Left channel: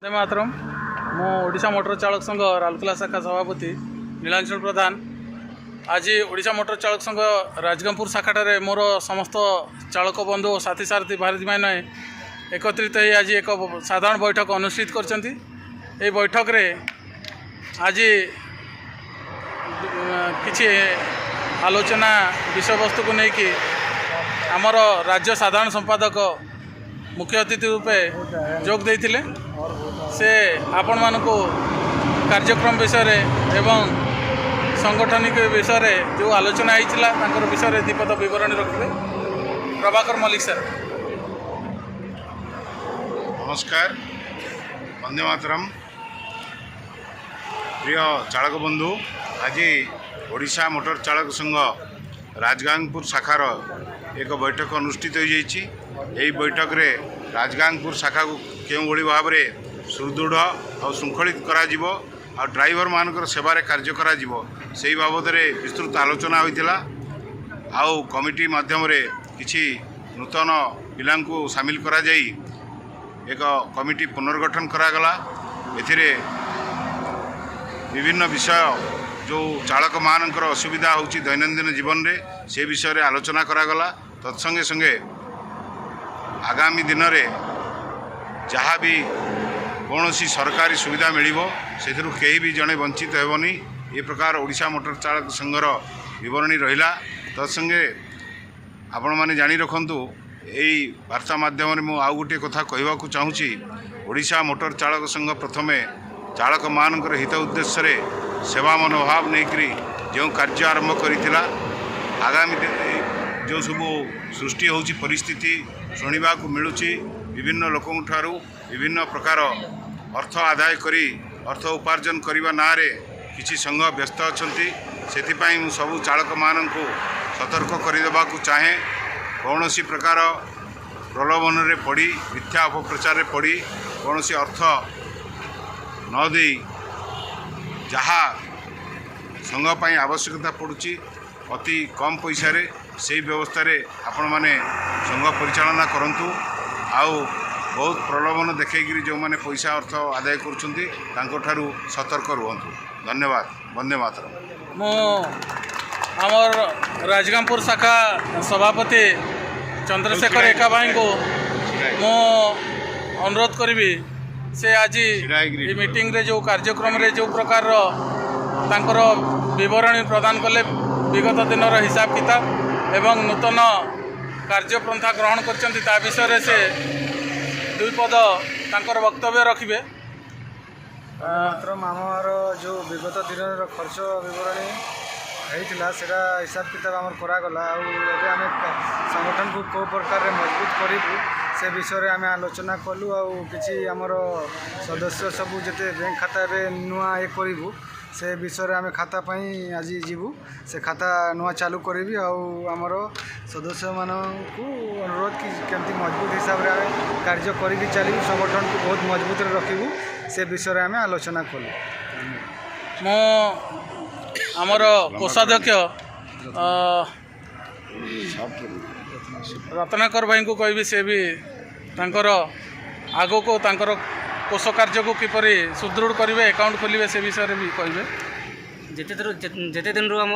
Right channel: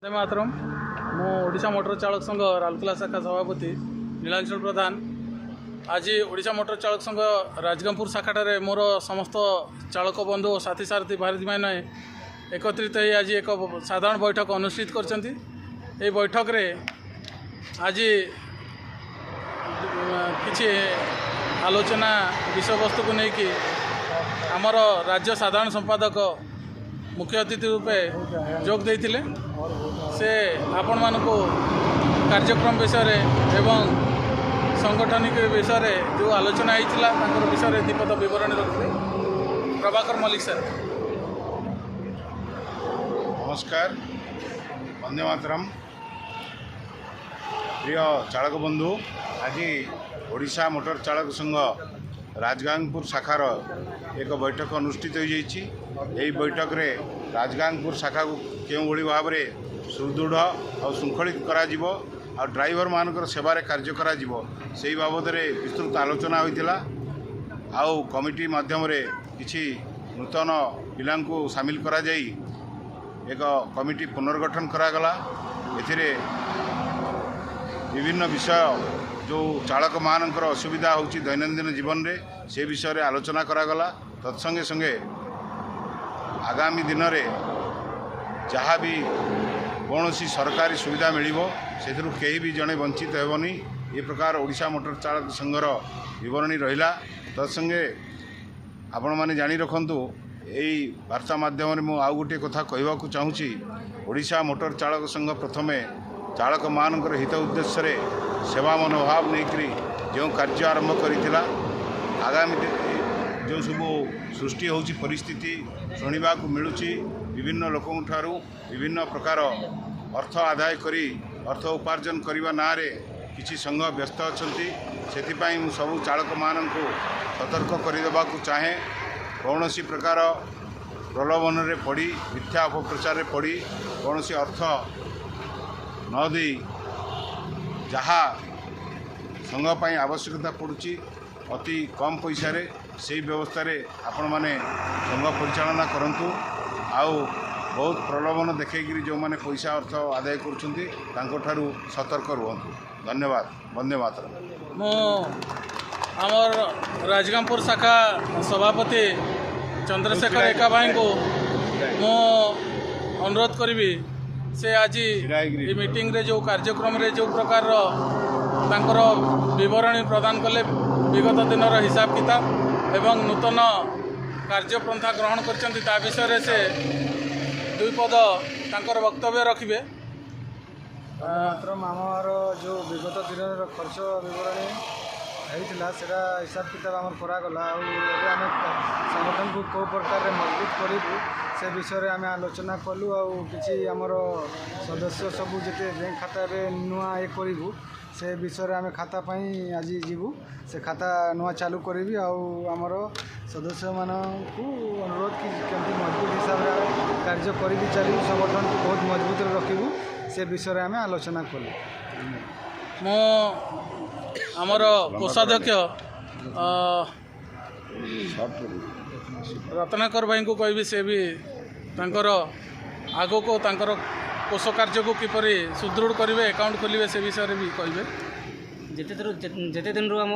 वंदे मातरम। मु ओडिशा मोटर चालक संघ राउरकेला शाखा सभापति नीलांचल प्रधान। आज ओडिशा मोटर चालक संघ राजगंगपुर शाखा मोर समस्त चालक बंधु साथी सारथी भारती मैंने एकत्रित हो आज एक साधारण बैठक अनुष्ठित कर बैठक रे आज किसी आलोचना विषय वस्तु को लेकिन आमर राज्य साधारण संपादक मुख्य अतिथि रूपे जोग देते से आपण मानू कार्यक्रम विषय एवं संगठनिक विषय जो आलोचना होता विषय दीपद विवरणी रखिए। प्रभाकर मल्लिक सर। नमस्कार, वंदे मातरम। प्रिय चालक बंधु, आज ओडिशा मोटर चालक संघ राजगांगपुर शाखार एक बैठक अनुष्ठित हो जाइए। यही बैठक रे राजगांगपुर शाखा को क्यों भाव में सुदृढ़ और श्रृंखलित करा आ ड्राइवर मानकर सेवारे कार्य करा से बाबद विस्तृत आलोचना होता। आउ कमिटी माध्यम रे किछि नूतन पिलांकु सामिल करा जाई एक कमिटी पुनर्गठन करागला। एथिरे विभिन्न विषय जो चालक मानकर असुविधा होची दैनंदिन जीवन रे से विषय रे आलोचना करागला। तत्संगे संगे आगामी दिन रे जहाँ भी कौन सी सरकारी सुविधा मिलिबो सेथिरु केही भी जड़े वंचित हेबनी ये प्रकार ओडिशा मोटर चालक संघर विवरणी रहिला। तत्संगे आपण माने जानी रखंतु यही वार्ता माध्यम मु आउ गोटे कथा कहवाकू चाहूँगी। ओडिशा मोटर चालक संघ प्रथमे चालक मानकर हित उद्देश्य रे सेवा मनोभाव नेकरी जो कार्य आरंभ करिथिला। आगामी जो सब सृष्टि होची परिस्थिति शुणा मिलूची विभिन्न लोकों ठारू विभिन्न प्रकार अर्थ आदाय करी अर्थ उपार्जन करने ना रे किसी संघ व्यस्त अछंती। सेथिपाई मु सबु चालक माननकु सतर्क करदेवा चाहे कौन सी प्रकार प्रलोभन रे पड़ी मिथ्या अपप्रचार रे पड़ी कौन सी अर्थ न दे जहाँ संघ पाई आवश्यकता पड़ुची अति कम पैसा रे से व्यवस्था रे आपण माने संघ परिचालना करंतु। आउ बहुत प्रलोभन देखिए जो माने पैसा अर्थ आदाय करुँच सतर्क रुहतु। धन्यवाद। वंदे मातरम। मु आमर राजगांगपुर शाखा सभापति चंद्रशेखर एका भाई को मु अनुरोध करी से आज ये मीटिंग रे जो कार्यक्रम रे जो प्रकार तांकर विवरणी प्रदान कले विगत दिन हिसाब किताब एवं नूतन कार्यपंथा ग्रहण कर विषय से दुई पद तांकर वक्तव्य रखिए। मात्र आमर जो विगत दिन खर्च विवरणी होता से हिसाब किताब आम करागला। आम संगठन को कौ प्रकार मजबूत करूँ से विषय आम आलोचना कलु। कि आमर सदस्य सबू जिते बैंक खाता नुआ ये करूँ से विषय आम खाता पाई आज जीवु से खाता नुआ चालू करी आमर सदस्य मानू अनुरोध कि केमती मजबूत हिसाब से कार्य करी चलू संगठन को बहुत मजबूत रखू से विषय आम आलोचना कलु। मो आमर कोषाध्यक्ष रत्नाकर भाई को कहबी से भी तांकर आगो को तांकर कोष कार्य को किपरि सुदृढ़ करेंगे अकाउंट खोलिए से विषय भी कहे। जिते दिन आम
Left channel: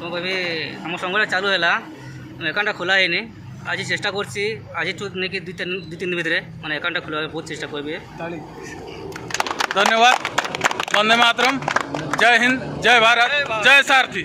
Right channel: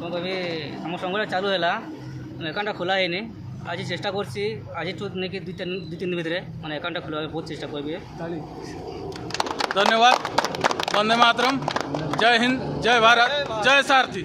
कौन कह आम संघ चालू है अकाउंट खोला है आज चेष्टा करसी आज नहीं दु तीन भितर मैंने अकाउंट खोल बहुत चेष्टा करी। धन्यवाद। वंदे मातरम। जय हिंद, जय भारत, जय सारथी।